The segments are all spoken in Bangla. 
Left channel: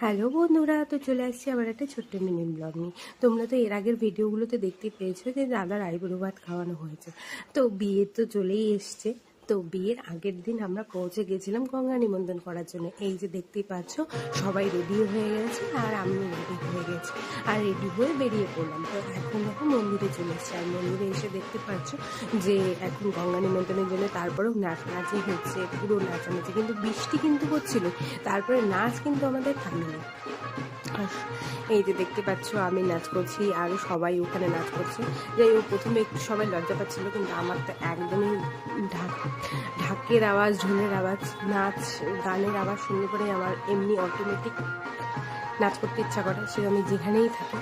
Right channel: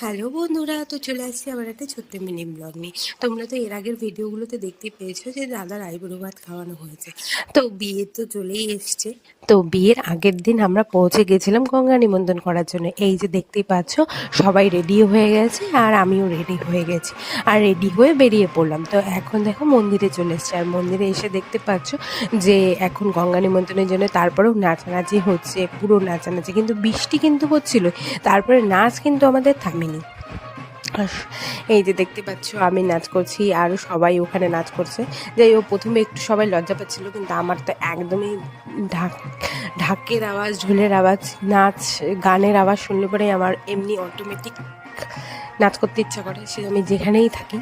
হ্যালো বন্ধুরা, তো চলে আসছি আবার একটা ছোট্ট মিনি ব্লগ নিয়ে। তোমরা তো এর আগের ভিডিওগুলোতে দেখতে পেয়েছো যে দাদার আইবুড়ো ভাত খাওয়ানো হয়েছে। তো বিয়ে তো চলেই এসছে। তো বিয়ের আগের দিন আমরা পৌঁছে গেছিলাম গঙ্গা নিমন্ত্রণ করার জন্য। এই যে দেখতেই পাচ্ছ, সবাই রেডি হয়ে গেছে আর আমিও রেডি হয়ে গেছি। আর রেডি হয়ে বেরিয়ে পড়লাম। তো এখন দেখো মন্দিরে চলে এসছে। আর মন্দিরে এসে দেখতে পাচ্ছ যে এখন গঙ্গা নিমন্ত্রণের জন্য তারপরেও নাচানাচি হচ্ছে, পুরো নাচানাচি, কিন্তু বৃষ্টি কিন্তু হচ্ছিল। তারপরে নাচ কিন্তু আমাদের থামেনি। আর এই যে দেখতে পাচ্ছ আমি নাচ করছি, আরও সবাই ওখানে নাচ করছে। যাই হোক, প্রথমে একটু সবাই লজ্জা পাচ্ছিল, কিন্তু আমার তো একদমই ঢাক ঢাকের আওয়াজ, ঢোলের আওয়াজ, নাচ গানের আওয়াজ শুনলে পরে আমার এমনি অটোমেটিক নাচ করতে ইচ্ছা করে, সে আমি যেখানেই থাকি।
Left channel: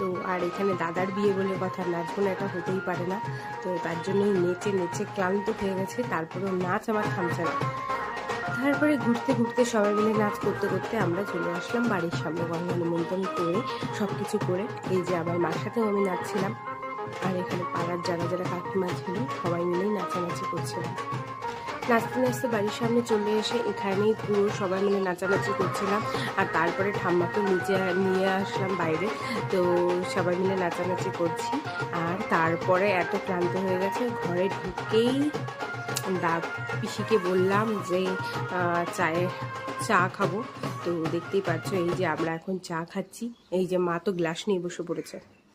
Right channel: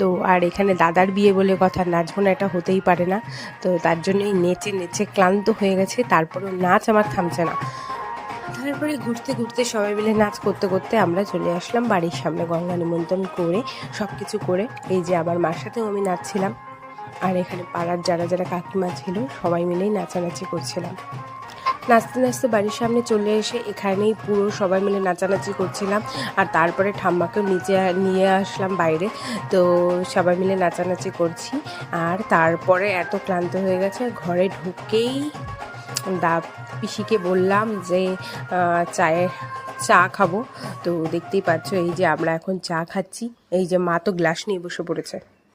তো আর এখানে দাদার বিয়ে বলে কথা, নাচবো না এটা হতেই পারে না। তো তার জন্যই নেচে নেচে ক্লান্ত হয়ে গেছে, তারপরেও নাচ আমার থামছে না। তারপরে ঘুরতে ঘুরতে সবাই মিলে নাচ করতে করতে আমরা চলে আসলাম বাড়ির সামনে। গঙ্গা নিমন্ত্রণ করে সব কিছু করে এই যে আমার মার সাথেও আমি নাচছিলাম। আর এখানে পাড়ার যারা যারা কাকিমা ছিল সবাই মিলেই নাচানাচি করছিলাম। নাচতে নাচতে বাড়ির সামনে চলে এসে এখানেই পুরো সবাই মিলে নাচানাচি করছিলাম। আর তারপরে ঠাম্মাকেও নিচে নিয়ে আসলাম বাইরে। তো সবাই মিলে নাচানাচি করছি। আর তারপরে এত ক্লান্ত হয়ে গেছে, ঘরে ঢুকেই পিসিকে বললাম যে চা খাবো। তো দেখতেই পাচ্ছ এই যে আমরা এখন চা খাচ্ছি। এই যে মা তো গ্লাস নিয়ে বসে পড়েছে।